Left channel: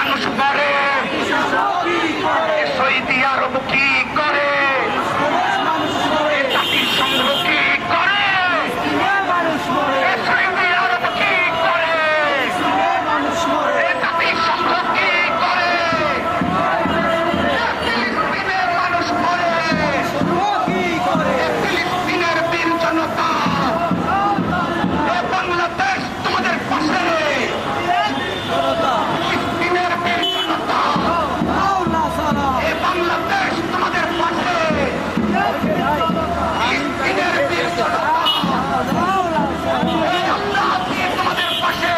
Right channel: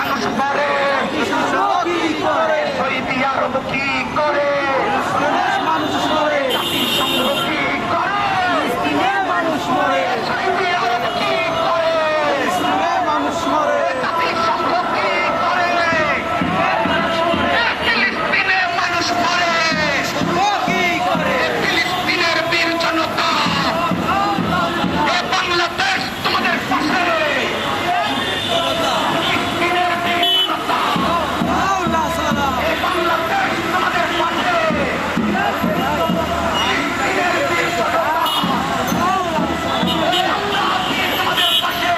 মানুষ মরে, সৌদি আরব কি করে, জাতিসংঘ কি করে, সৌদি আরব কি করে, জাতিসংঘ কি করে, ফিলিস্তিনের মানুষ মরে, ফিলিস্তিনের বীর জনতা, বাংলাদেশ তোমাদের পাশে, ফিলিস্তিনের বীর জনতা, বাংলাদেশ তোমাদের পাশে, ফিলিস্তিনের বীর জনতা, আমরা আছি তোমাদের পাশে,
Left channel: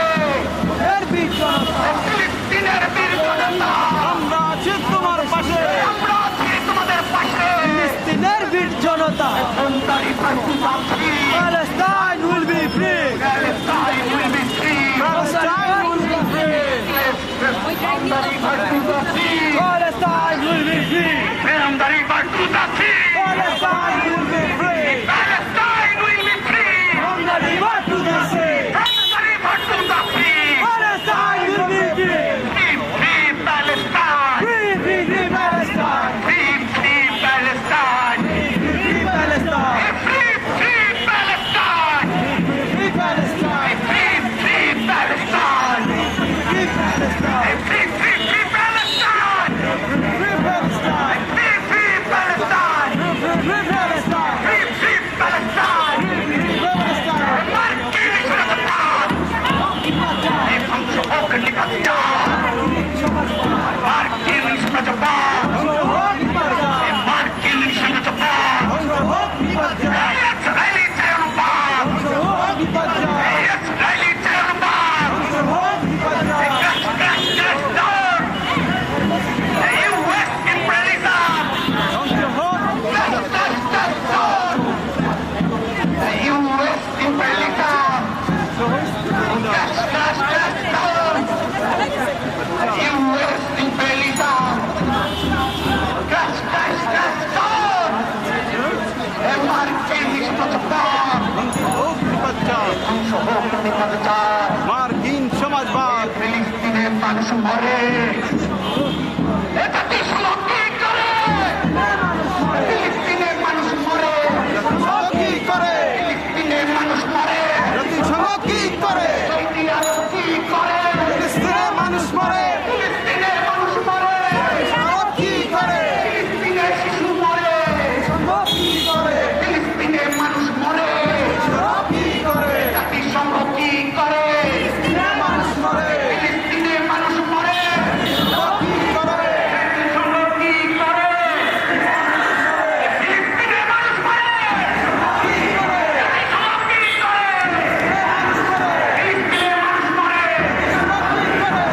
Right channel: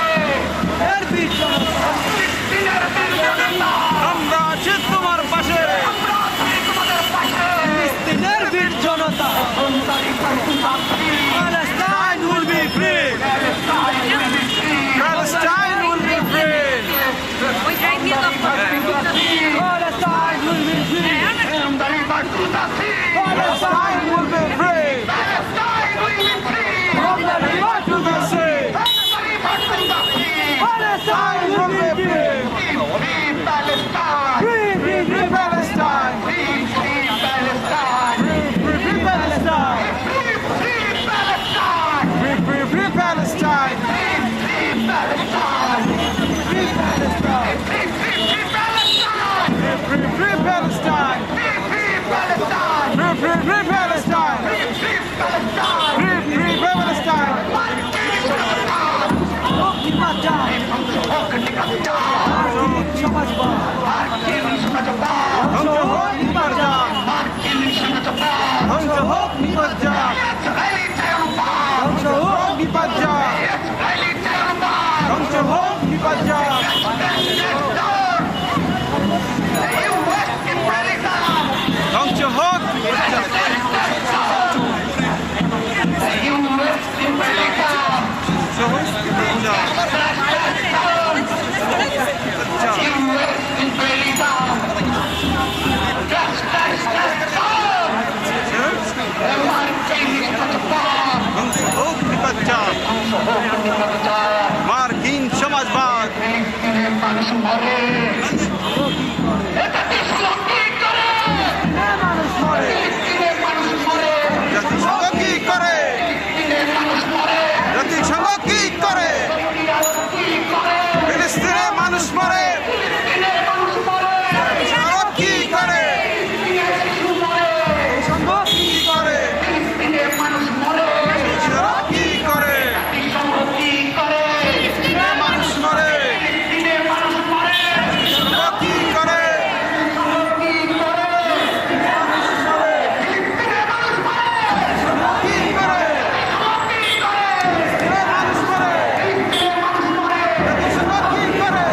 ফিলিস্তিনের বীর জনতা, আমরা আছি তোমার পাশে, আমরা আছি তোমাদের পাশে, ফিলিস্তিনের বীর জনতা। সন্তানি প্রার্থী Palestine will be free. Palestine will be free. Palestine will be free. Palestine will be free. will be free. From the river to the sea. From the river to the sea. Palestine will be free. Free, free Palestine. Free, free, free Palestine. Free, free Palestine. Free Palestine. Free, free Palestine. Free, free Palestine. Free, free Palestine. Free Palestine. Free, free, free Palestine. Free, free Palestine. Free, free Palestine. Free, free, free Palestine. Free, free Palestine. Free, free Palestine. মার্কিন সরকার এই ধ্বংস হোক নিকাত্তার, মার্কিন সরকার, মার্কিন সরকার, Israeli চায়রবাদ, Israeli চায়রবাদ, US imperialism, US imperialism, US imperialism, মার্কিন সরকার, মার্কিন সমাজবাদ। ফিলিস্তিনের মানুষ মরে, এটা কি কি করে, ফিলিস্তিনের মানুষ মরে, জাতিসংঘ কি করে? ফিলিস্তিনের মানুষ মরে, জাতিসংঘ কি করে? সৌদি আরব কি করে, ফিলিস্তিনের মানুষ মরে। ফিলিস্তিনের মানুষ মরে, আরব কি করে? ফিলিস্তিনের শিশু মরে, কি করে? ফিলিস্তিনের মানুষ মরে, আরব কি করে? জাতিসংঘ কি করে, ফিলিস্তিনের মানুষ মরে। ফিলিস্তিনের মানুষ মরে, আরব কি করে? কি করে, ফিলিস্তিনের মানুষ মরে, কি করে? কি করে, মানুষ মরে। ফিলিস্তিনের মানুষ মরে, আরব কি করে?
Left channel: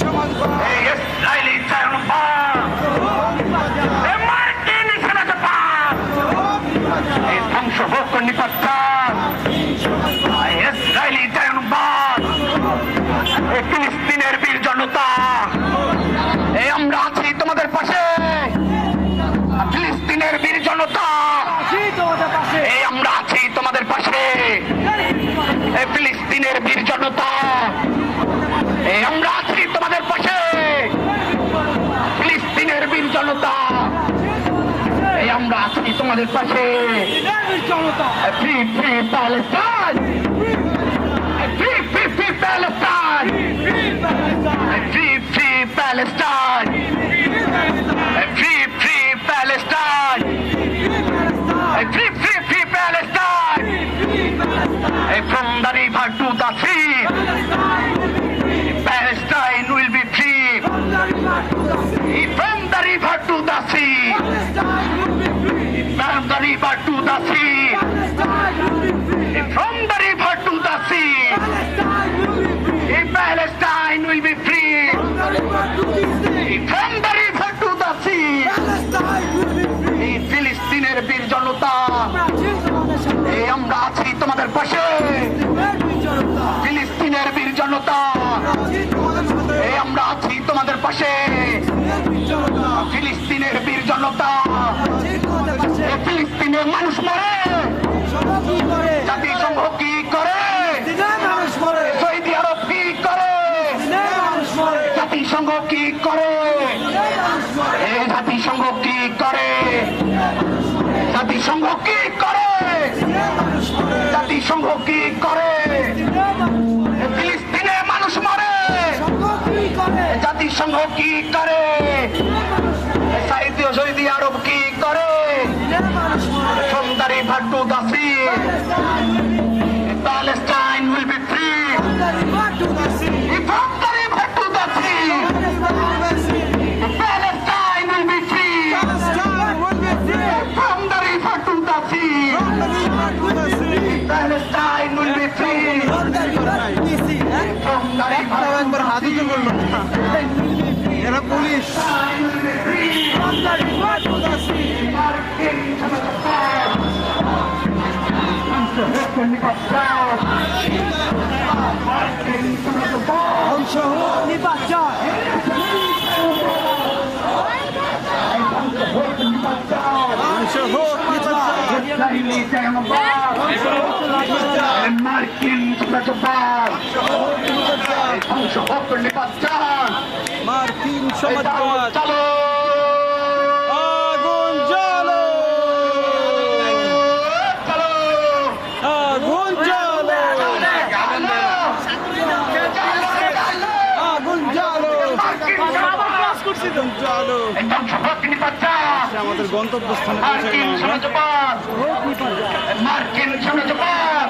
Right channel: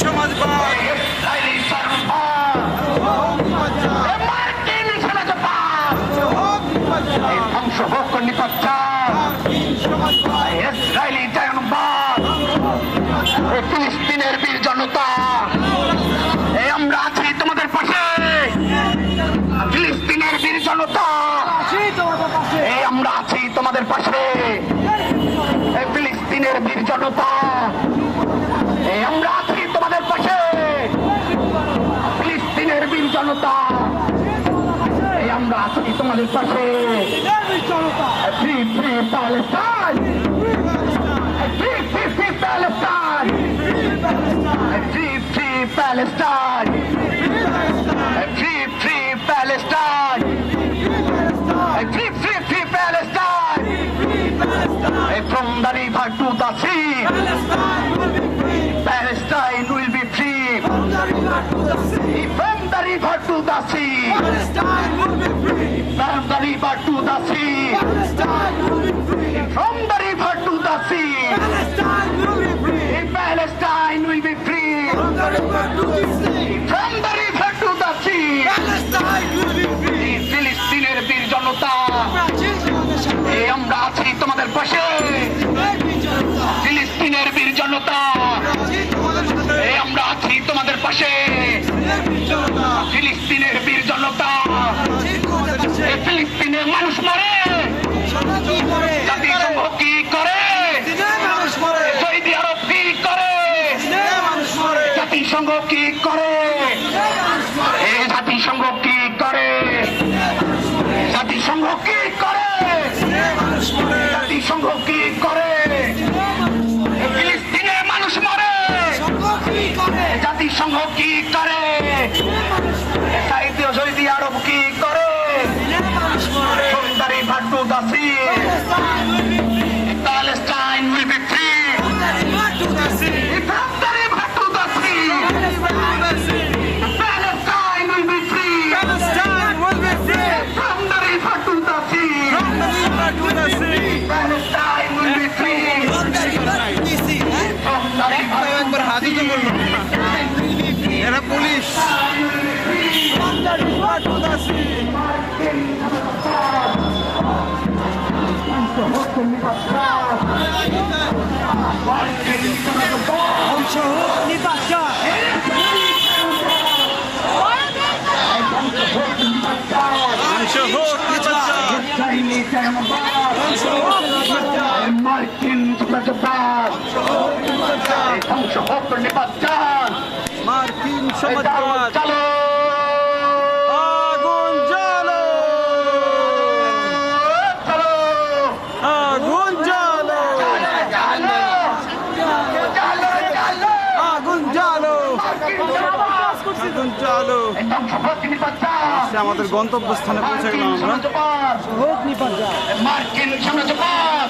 সমাজবাদ, এই ইসরায়েলি সায়নবাদ, এই মার্কিন সাম্রাজ্যবাদ, এই ধ্বংস হোক নিপাচ্চার, এই ইসরায়েলি সায়নবাদ, এই ফিলিস্তিনের বীর জনতা, এই আমরা আছি তোমাদের পাশে। ফিলিস্তিনের বীর জনতা, এই আমরা আছি তোমাদের পাশে। এই ফিলিস্তিনের বীর জনতা, এই আমরা আছি তোমাদের পাশে। ফিলিস্তিনের বীর জনতা, এই আমরা আছি তোমাদের পাশে। Free free Palestine, free free free Palestine, free free Palestine, free free Palestine, free free free Palestine. From the river to the sea, Palestine will be free. From the river to the sea, from the river to the sea, from the river to the sea, Palestine will be free. From the river to the sea, ফিলিস্তিনের বীর জনতা, এই আমরা আছি তোমাদের পাশে। ফিলিস্তিনের বীর জনতা, এই আমরা আছি তোমাদের পাশে। ফিলিস্তিনের বীর জনতা, এই ফিলিস্তিনের মানুষ মরে, জাতিসংঘ কি করে, সৌদি আরব কি করে, জাতিসংঘ কি করে, এই জাতিসংঘ কি করে, জাতিসংঘ কি করে, জাতিসংঘ কি করে, ফিলিস্তিনের মানুষ মরে, জাতিসংঘ কি করে, সৌদি আরব কি করে, সুন্দরী ভাট্টু দাসী, প্যালেস্টাইন will be free. সুন্দরী ভাট্টু দাসী, প্যালেস্টাইন will be free. সুন্দরী ভাট্টু দাসী, প্যালেস্টাইন will be free. সুন্দরী ভাট্টু একবার হাত উঁচু করলো, এরা পুলিশ। মার্কিন মার্কিন সমাজবাদ, আগুন জ্বালো, আগুন জ্বালো, আগুন জ্বালো, আগুন জ্বালো। আমাদের গন্তব্যস্থানে পৌঁছে গেলাম আমরা। মার্কিন সাম্রাজ্যবাদ